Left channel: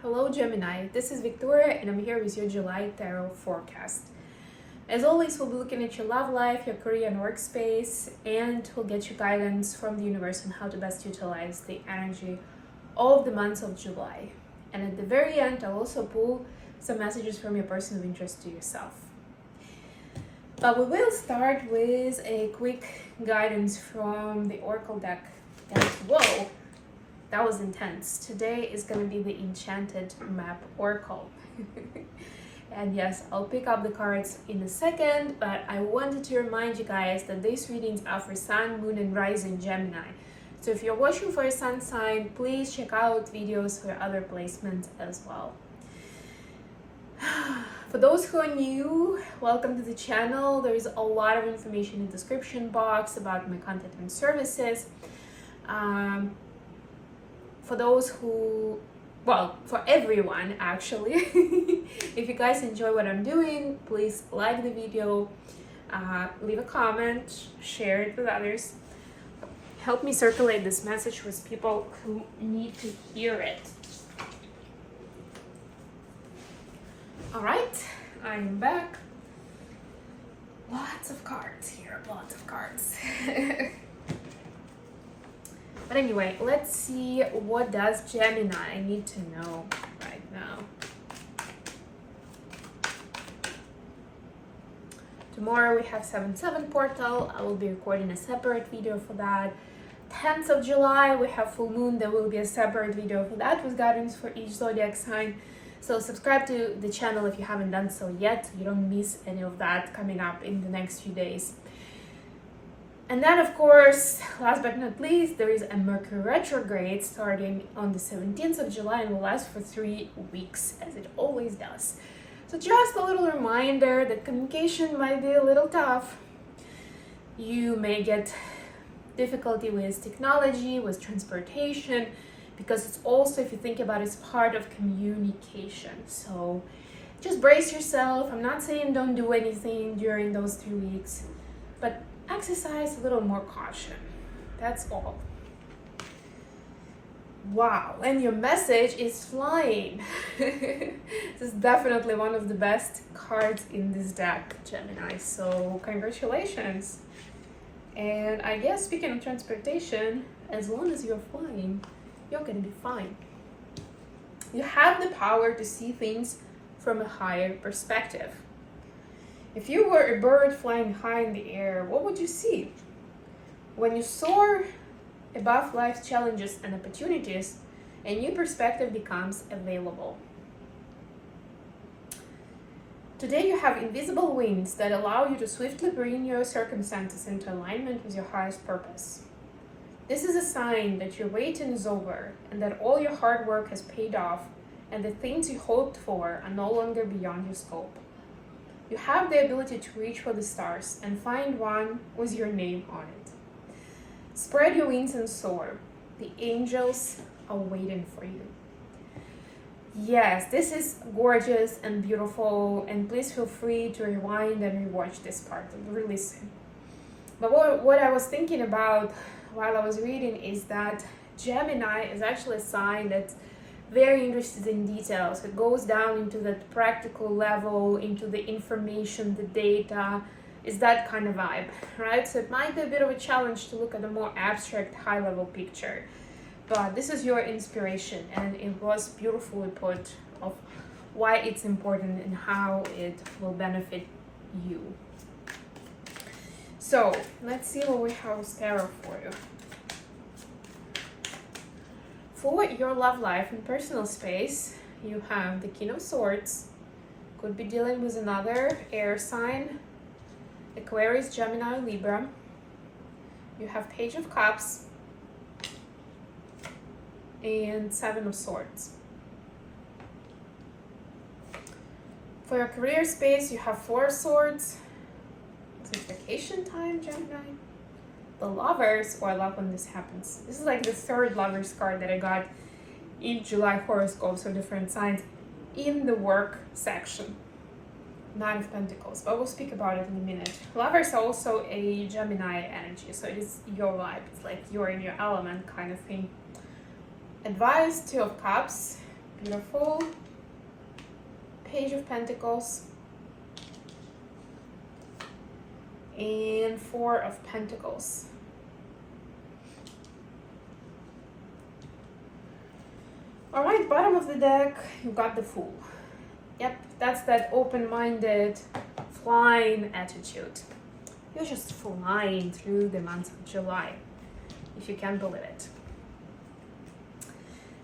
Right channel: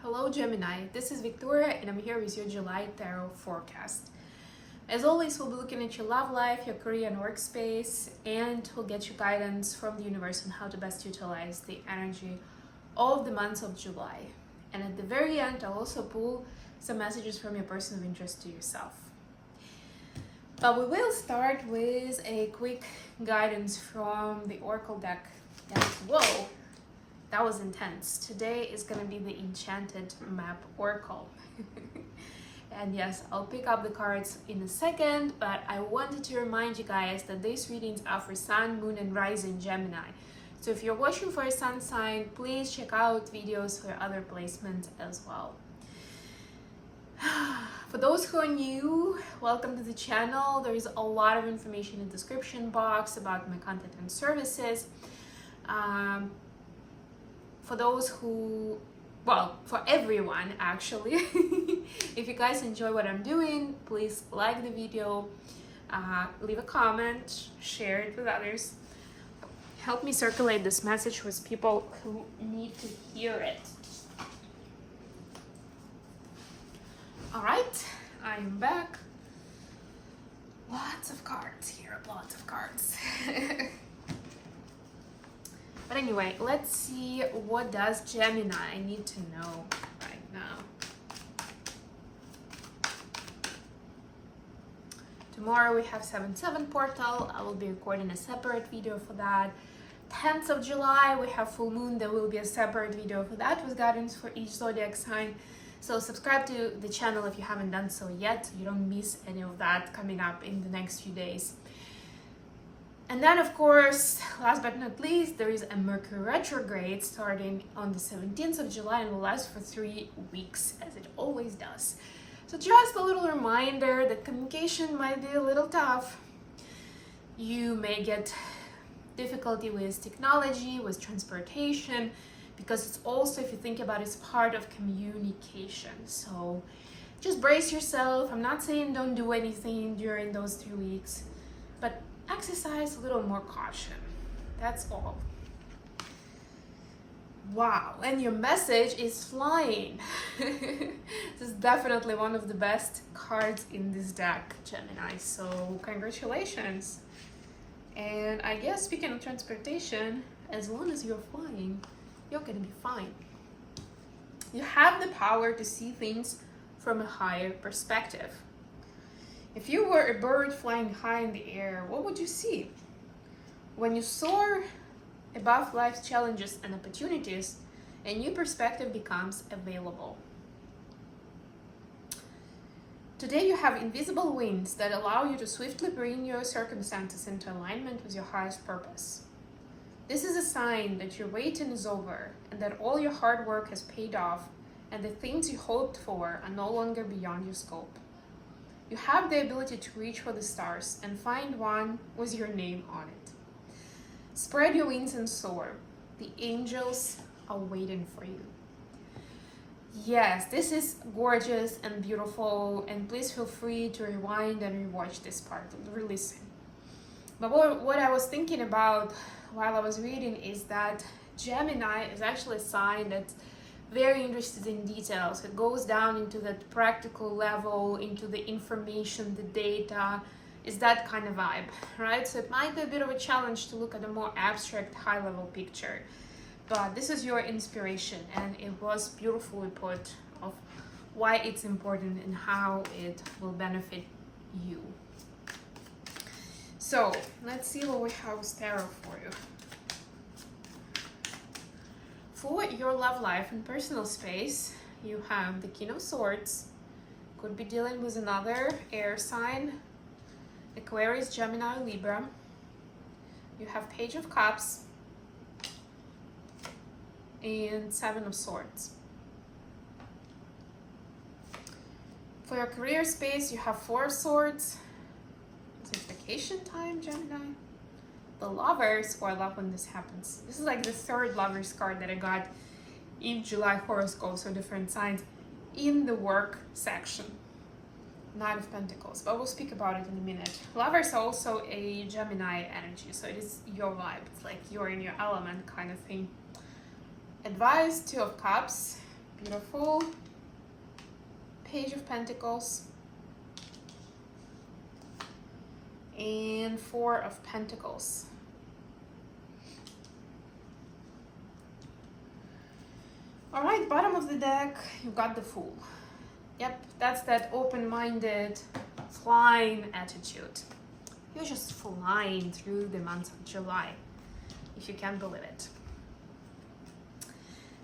Hello Gemini, this is Victoria and I'm here with your July Tarot forecast. As always, we'll be looking at your love life, your career and workspace, and we'll get you guidance from the universe on how to best utilize the energy of the months of July. And at the very end, I'll also pull some messages from your person of interest to yourself. But we will start with a quick guidance from the Oracle deck. And whoa! That was intense. Today is going to be the Enchanted Map Oracle. And yes, I'll pick up the cards in a second, but I wanted to remind you guys that these readings are for Sun, Moon, and Rising Gemini. So if you're watching for a Sun sign, please check out videos for other placements as well. For those who are new, welcome to the channel. There is a lot of information in the description box about my content and services. For those who, well, for everyone actually, if you guys enjoy what I'm doing, please like the video, leave a comment, share it with others. Help me circulate this message with people who need to hear it. All right, I'm back. Lots of cards here, lots of cards. But anyway, let's see, what does Gemini need to know right now? Tomorrow we have 7/7 portal. I will be recording a separate video for that. 10th of July we have full moon. There will be a separate video for that with guidance for each zodiac sign. So subscribe to the channel if you haven't done so yet, so you don't miss any of that coming up in the next few days. And then, of course, last but not least, there is a Mercury retrograde starting on the 17th of July and will last for 3 weeks, as it always does. So just a little reminder that communication might be a little tough. You may get difficulty with technology, with transportation, because it's also, if you think about it, it's part of communication. So just brace yourself. I'm not saying don't do anything during those 3 weeks, but exercise a little more caution. That's all. Wow, and your message is flying. This is definitely one of the best cards in this deck, Gemini. So congratulations. And I guess speaking of transportation, as long as you're flying, you're gonna be fine. You have the power to see things from a higher perspective. If you were a bird flying high in the air, what would you see? When you soar above life's challenges and opportunities, a new perspective becomes available. Today you have invisible wings that allow you to swiftly bring your circumstances into alignment with your highest purpose. This is a sign that your waiting is over and that all your hard work has paid off and the things you hoped for are no longer beyond your scope. You have the ability to reach for the stars and find one with your name on it. Spread your wings and soar. The angels are waiting for you. Yes, this is gorgeous and beautiful, and please feel free to rewind and rewatch this part, really listen. But what I was thinking about while I was reading is that Gemini is actually a sign that's very interested in details. It goes down into that practical level, into the information, the data, is that kind of vibe, right? So it might be a bit of a challenge to look at a more abstract, high-level picture. But this is your inspiration, and it was beautifully put of why it's important and how it will benefit you. So let's see what we have with tarot for you. For your love life and personal space, you have the King of Swords. Could be dealing with another air sign, Aquarius, Gemini, Libra. You have Page of Cups and Seven of Swords. For your career space, you have Four of Swords. It's vacation time, Gemini. The Lovers, or I love when this happens. This is like the third Lovers card that I got in July horoscopes for different signs in the work section. Nine of Pentacles, but we'll speak about it in a minute. Lovers are also a Gemini energy, so it is your vibe. It's like you're in your element kind of thing. Advice, Two of Cups. Beautiful. Page of Pentacles. And Four of Pentacles. All right, bottom of the deck, you got the Fool. Yep, that's that open-minded, flying attitude. You're just flying through the month of July, if you can believe it.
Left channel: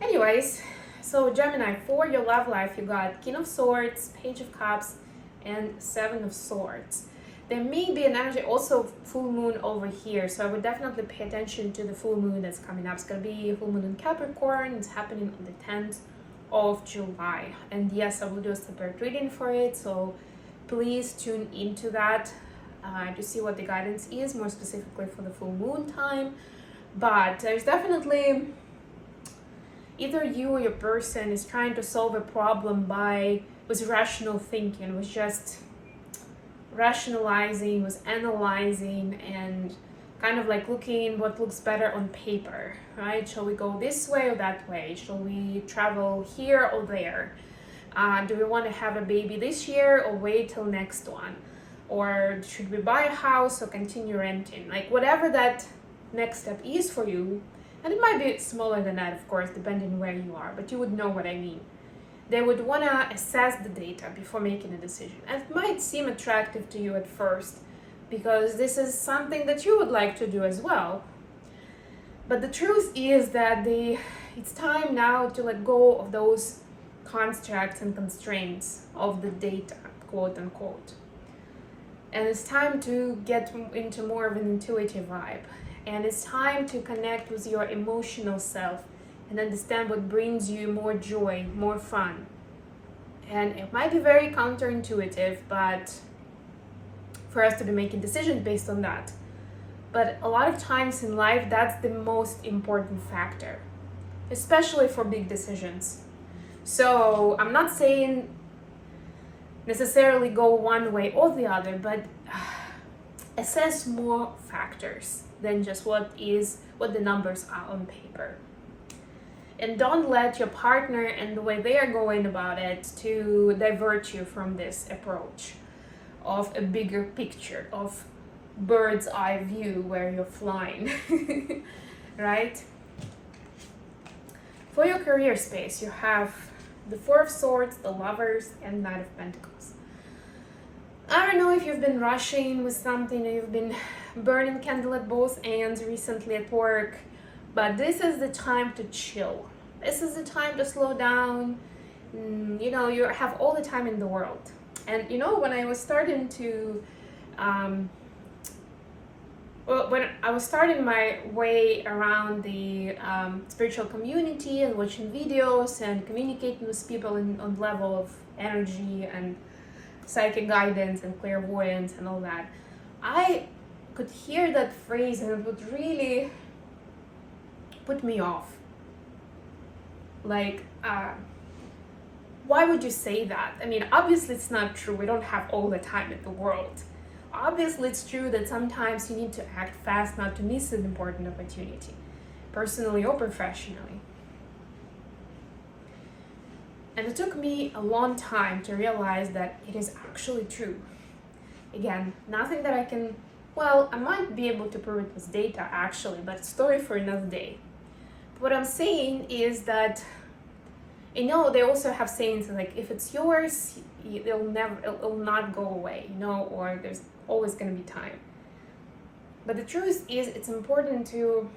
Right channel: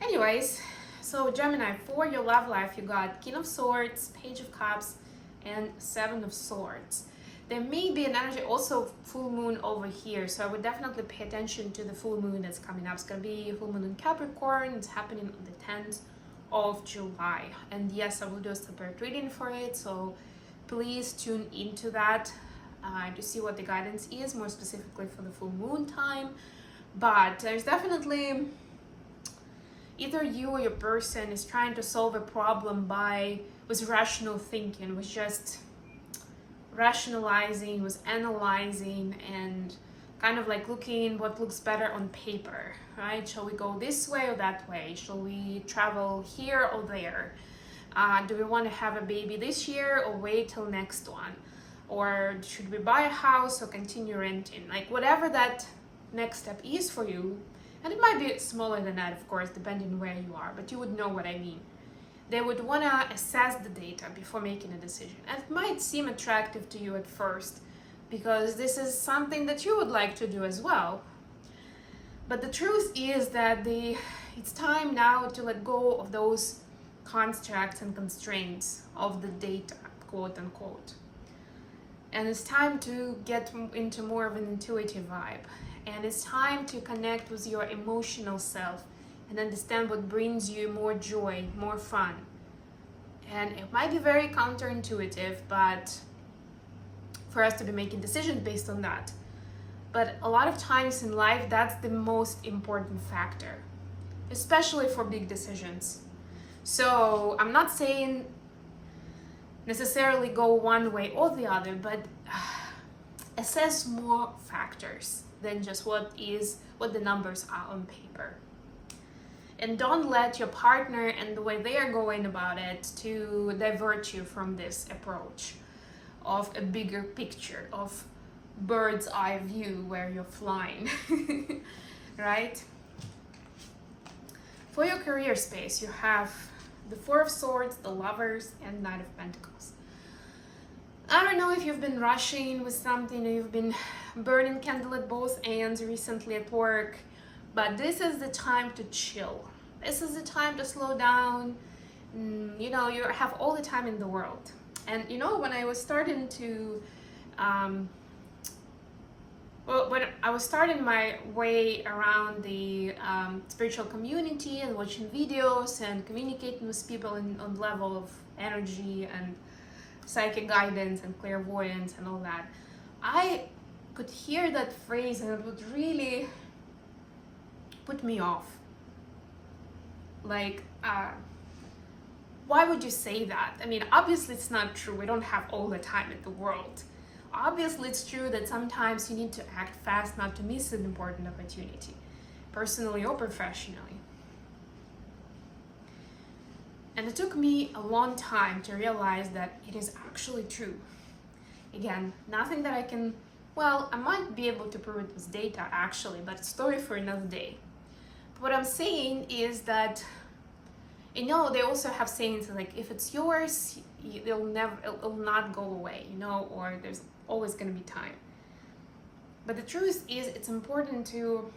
Anyways, so Gemini, for your love life, you got King of Swords, Page of Cups, and Seven of Swords. There may be an energy, also full moon over here, so I would definitely pay attention to the full moon that's coming up. It's going to be a full moon in Capricorn. It's happening on the 10th of July. And yes, I will do a separate reading for it, so please tune into that to see what the guidance is, more specifically for the full moon time. But there's definitely either you or your person is trying to solve a problem with rational thinking, with just rationalizing, with analyzing, and kind of like looking what looks better on paper, right? Shall we go this way or that way? Shall we travel here or there? Do we want to have a baby this year or wait till next one? Or should we buy a house or continue renting? Like whatever that next step is for you, and it might be smaller than that, of course, depending where you are, but you would know what I mean. They would want to assess the data before making a decision. And it might seem attractive to you at first because this is something that you would like to do as well. But the truth is that it's time now to let go of those constructs and constraints of the data, quote unquote. And it's time to get into more of an intuitive vibe. And it's time to connect with your emotional self and understand what brings you more joy, more fun. And it might be very counterintuitive, but for us to be making decisions based on that. But a lot of times in life, that's the most important factor, especially for big decisions. So I'm not saying necessarily go one way or the other, but assess more factors than just what the numbers are on paper. And don't let your partner and the way they are going about it to divert you from this approach of a bigger picture, of bird's eye view where you're flying, right? For your career space, you have the Four of Swords, the Lovers, and Knight of Pentacles. I don't know if you've been rushing with something, or you've been burning candle at both ends recently at work, but this is the time to chill. This is the time to slow down. You know, you have all the time in the world. And you know, when I was starting to, when I was starting my way around the spiritual community and watching videos and communicating with people on level of energy and psychic guidance and clairvoyance and all that, I could hear that phrase and it would really put me off. Like, why would you say that? I mean, obviously it's not true. We don't have all the time in the world. Obviously it's true that sometimes you need to act fast not to miss an important opportunity, personally or professionally. And it took me a long time to realize that it is actually true. Again, nothing that I can, well, I might be able to prove it with data actually, but it's a story for another day. But what I'm saying is that, you know, they also have sayings like, if it's yours, it'll not go away, you know, or there's always going to be time. But the truth is, it's important to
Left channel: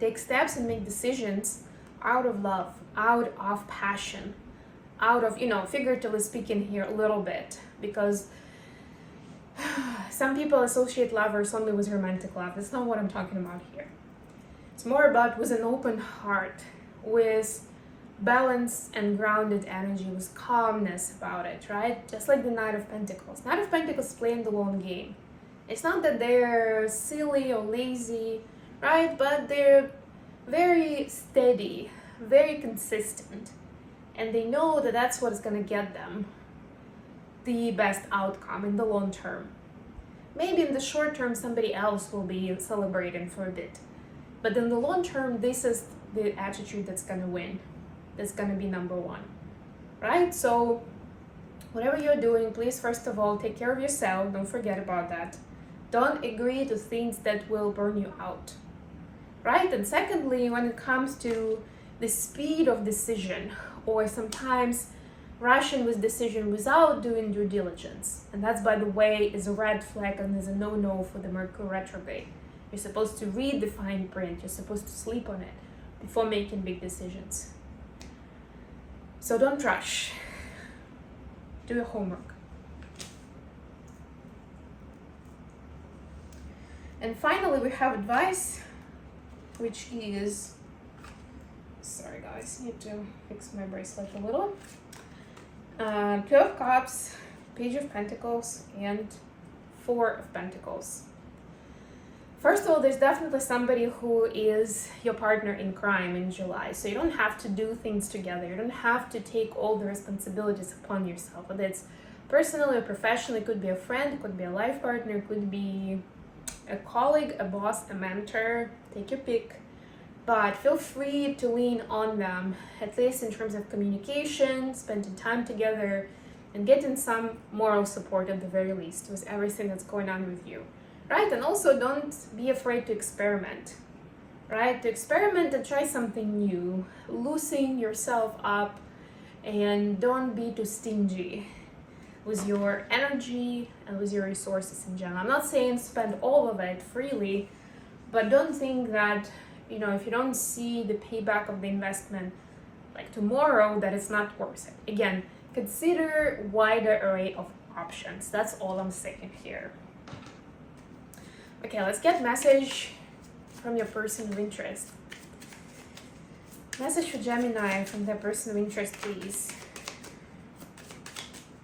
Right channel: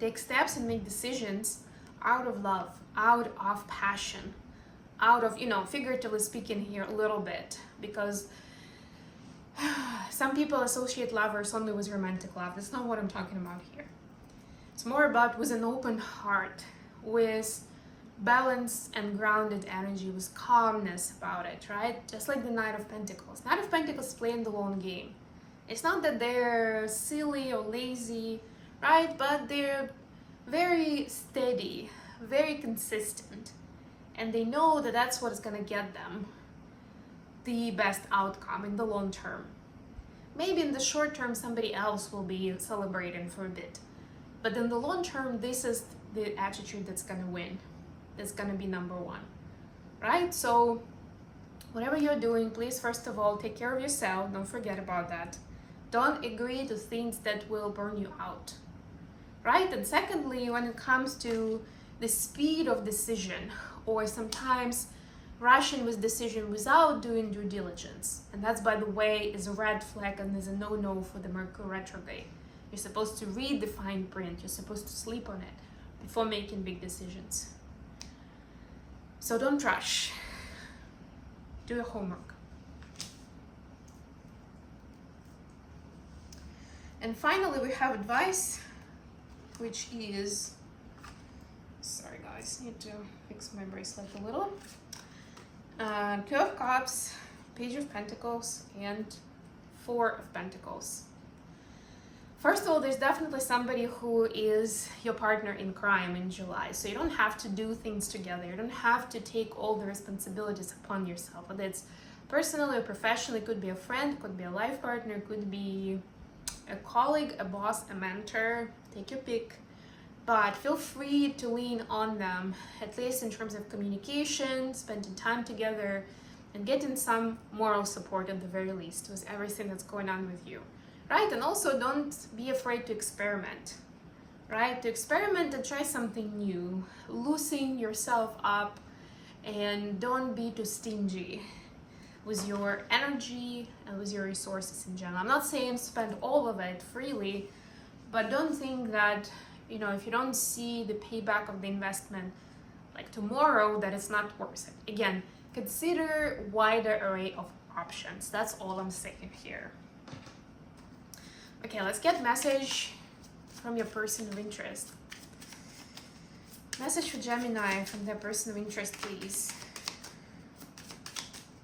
take steps and make decisions out of love, out of passion, out of, you know, figuratively speaking here a little bit, because some people associate lovers only with romantic love. That's not what I'm talking about here. It's more about with an open heart, with balance and grounded energy, with calmness about it, right? Just like the Knight of Pentacles. Knight of Pentacles playing the long game. It's not that they're silly or lazy, right? But they're very steady, very consistent. And they know that that's what's going to get them the best outcome in the long term. Maybe in the short term, somebody else will be celebrating for a bit. But in the long term, this is the attitude that's going to win. that's going to be number one, right? So whatever you're doing, please, first of all, take care of yourself. Don't forget about that. Don't agree to things that will burn you out, right? And secondly, when it comes to the speed of decision, or sometimes rushing with decision without doing due diligence, and that's, by the way, is a red flag and is a no-no for the Mercury retrograde. You're supposed to read the fine print. You're supposed to sleep on it before making big decisions. So don't rush. Do your homework. And finally, we have advice, which is, sorry guys, need to fix my bracelet a little. Two of Cups, Page of Pentacles, and Four of Pentacles. First of all, there's definitely somebody who is your partner in crime in July. So you don't have to do things together. You don't have to take all the responsibilities upon yourself. Whether it's personally or professionally, it could be a friend, it could be a life partner, it could be a colleague, a boss, a mentor. Take your pick. But feel free to lean on them, at least in terms of communication, spending time together, and getting some moral support at the very least with everything that's going on with you. Right? And also don't be afraid to experiment, right? To experiment and try something new, loosen yourself up, and don't be too stingy with your energy and with your resources in general. I'm not saying spend all of it freely, but don't think that, you know, if you don't see the payback of the investment like tomorrow, that it's not worth it. Again, consider wider array of options. That's all I'm saying here. Okay, let's get message from your person of interest. Message for Gemini from their person of interest, please.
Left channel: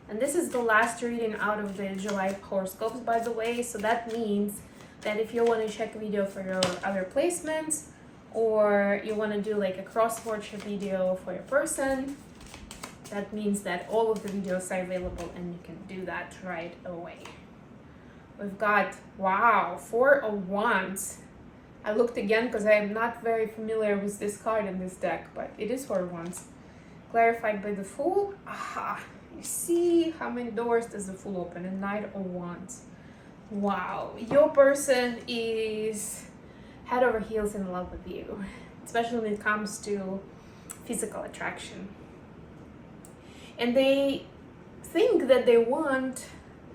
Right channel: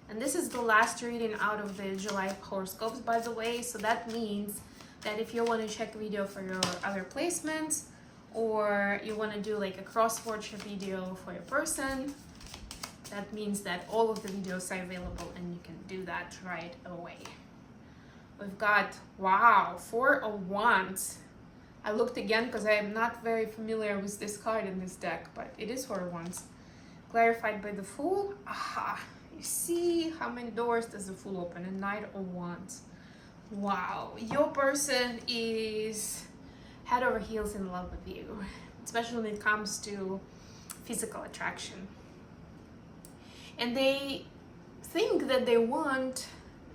And this is the last reading out of the July horoscopes, by the way. So that means that if you want to check a video for your other placements, or you want to do like a cross-watch video for your person, that means that all of the videos are available and you can do that right away. We've got, wow, Four of Wands. I looked again because I am not very familiar with this card in this deck, but it is Four of Wands. Clarified by the Fool. Aha, you see how many doors does the Fool open? A Knight of Wands. Wow, your person is head over heels in love with you, especially when it comes to physical attraction. And they think that they want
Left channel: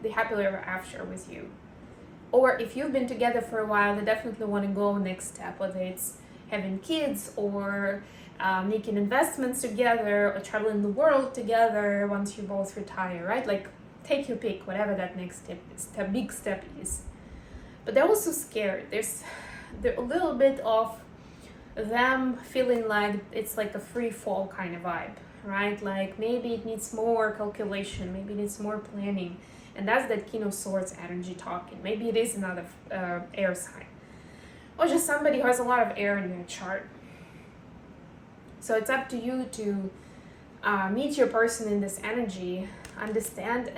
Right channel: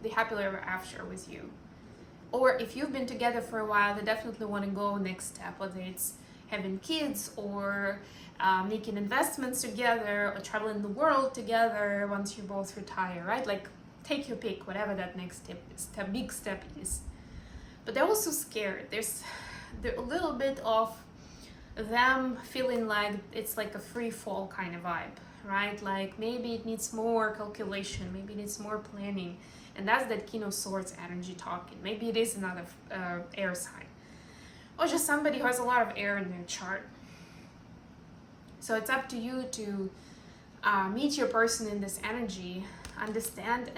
the happily ever after with you. Or if you've been together for a while, they definitely want to go next step, whether it's having kids or making investments together or traveling the world together once you both retire, right? Like, take your pick, whatever that next big step is. But they're also scared. There's a little bit of them feeling like it's like a free fall kind of vibe, right? Like maybe it needs more calculation, maybe it needs more planning. And that's that King of Swords energy talking. Maybe it is another air sign, or just somebody who has a lot of air in their chart. So it's up to you to meet your person in this energy, understand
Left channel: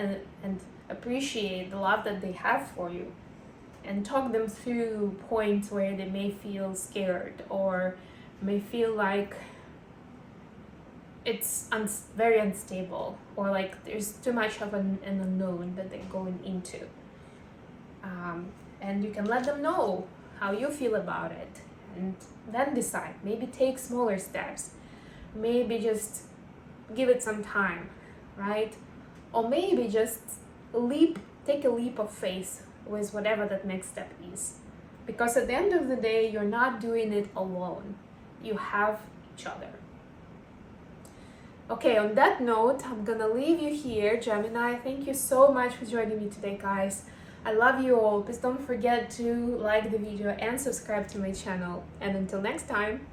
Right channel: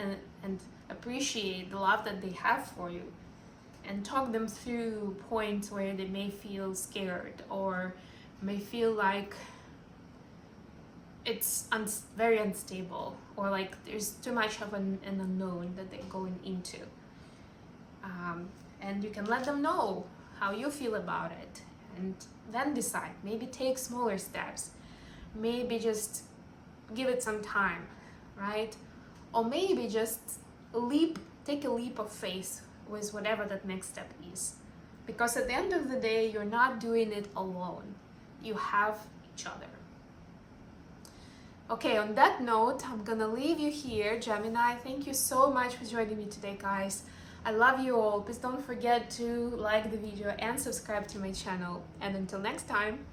and appreciate the love that they have for you, and talk them through points where they may feel scared or may feel like it's very unstable, or like there's too much of an unknown that they're going into. And you can let them know how you feel about it, and then decide. Maybe take smaller steps. Maybe just give it some time, right? Or maybe just take a leap of faith with whatever that next step is. Because at the end of the day, you're not doing it alone. You have each other. Okay, on that note, I'm gonna leave you here, Gemini. Thank you so much for joining me today, guys. I love you all. Please don't forget to like the video and subscribe to my channel. And until next time.